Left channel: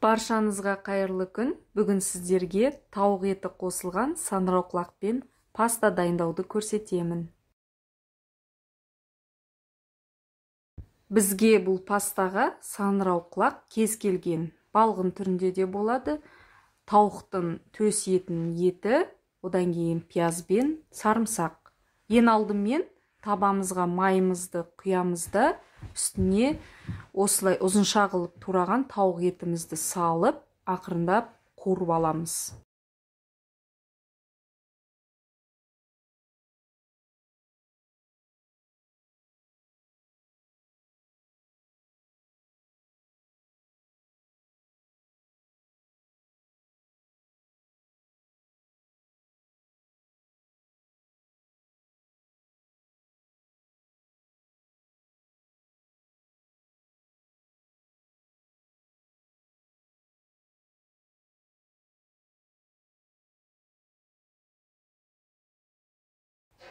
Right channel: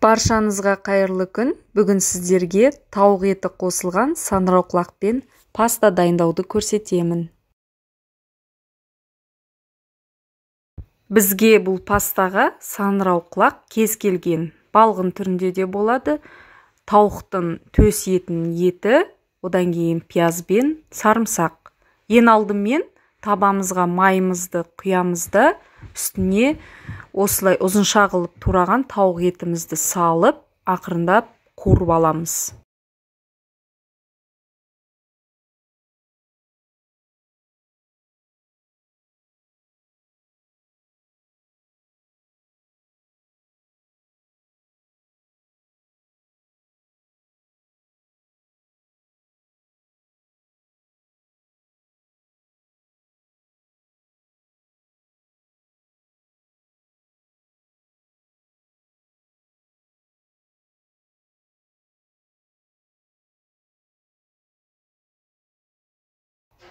Баршаңызға қайырлы күн. Бүгін сіздерге тауық еті қосылған саңырауқұлақпен паста дайындауды көрсетемін. Бізге бұл пастаға саңырауқұлақ кез келген балғын түрінде де болады. Тауықтың төс етінің еті, одан кейін пиязбен сарымсақ. Ең алдымен табамызға майымызды құямыз да үстіне осылай ұзынша қылып тураған тауық етімізді салып, ақырындап қуырып аламыз.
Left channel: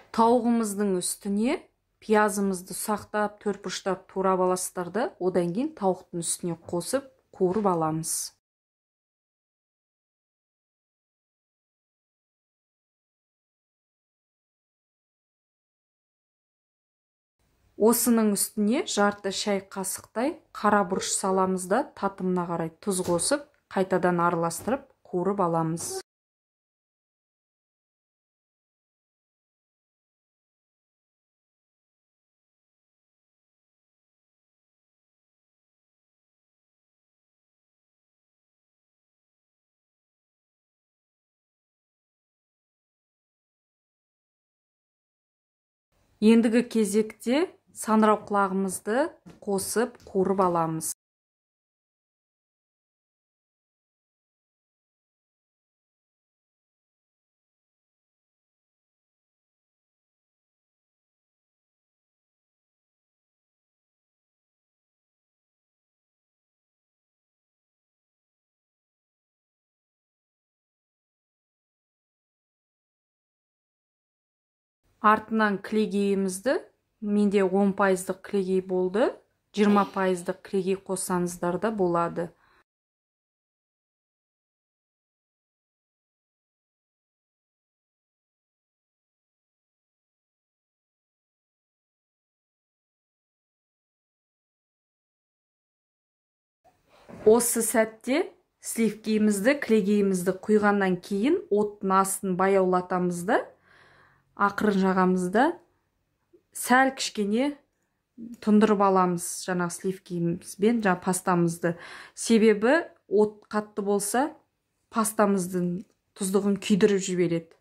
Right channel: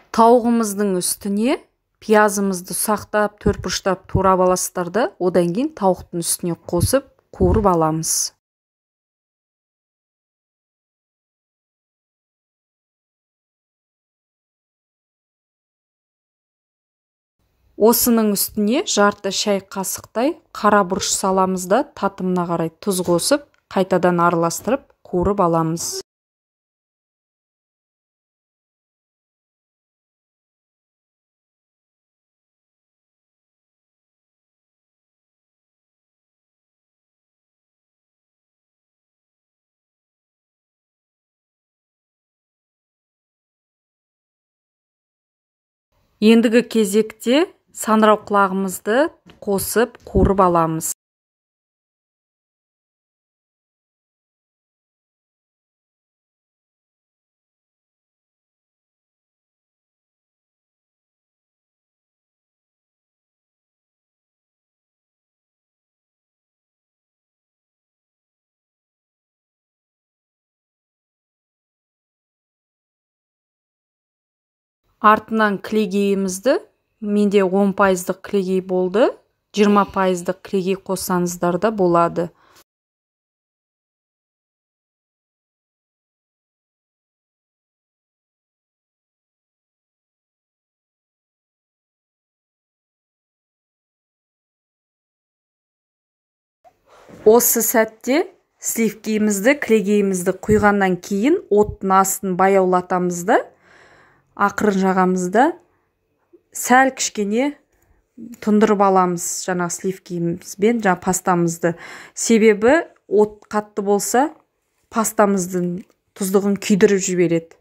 Тауығымыздың үстіне пиязымызды ұсақтап, төртбұрыштап турап аласыздар да, одан кейін тауықтың үстіне қосып, қуырып аламыз. Осының үстіне жарты шай қасықтай қара бұрыш саламыз да, татымына қарай тұз қосып, қайтадан араластырып, қуырып аламыз. Ендігі кезекте саңырауқұлағымызды қосып, қуырып аламыз. Артынан кілегейімізді, менде 10% кілегей болды, 20% кілегей қоссаңыздар да болады. Осы сәтте сливкемізді, кілегейімізді құйғаннан кейін оттың астын баяулатамыз да, ақырын жағамызда сәл кішкене тұндырып аламыз жаңа сливкемізбен жаңа пастамызды. Себебі от қатты болса, пастамыздың тұздығын күйдіріп жібереді.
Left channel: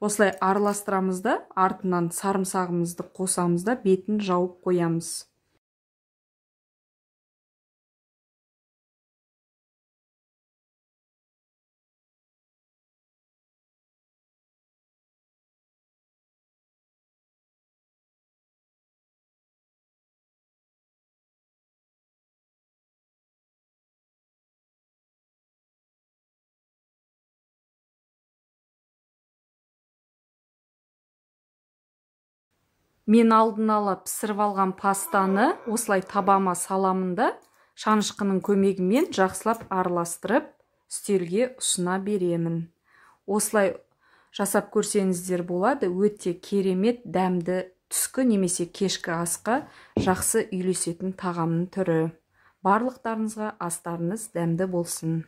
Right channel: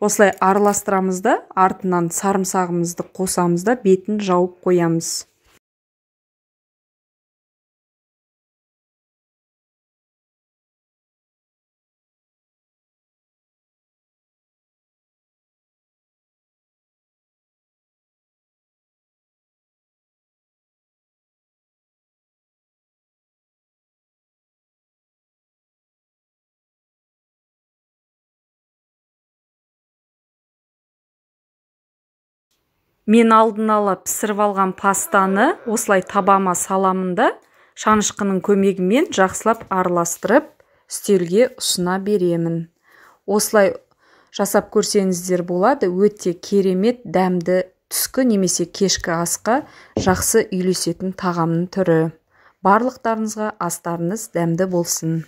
Осылай араластырамыз да, артынан сарымсағымызды қосамыз да, бетін жауып қоямыз. Мен алдын ала пісіріп алған пастаны осылай табама саламын да, шанышқының көмегімен жақсылап араластырып, үстелге ұсына беремін. Осылай жасап көрсеңіздер болады, өте керемет дәмді түскі немесе кешкі асқа жақсы үйлесетін тағамның түрі. Барлықтарыңызға астарыңыз дәмді болсын.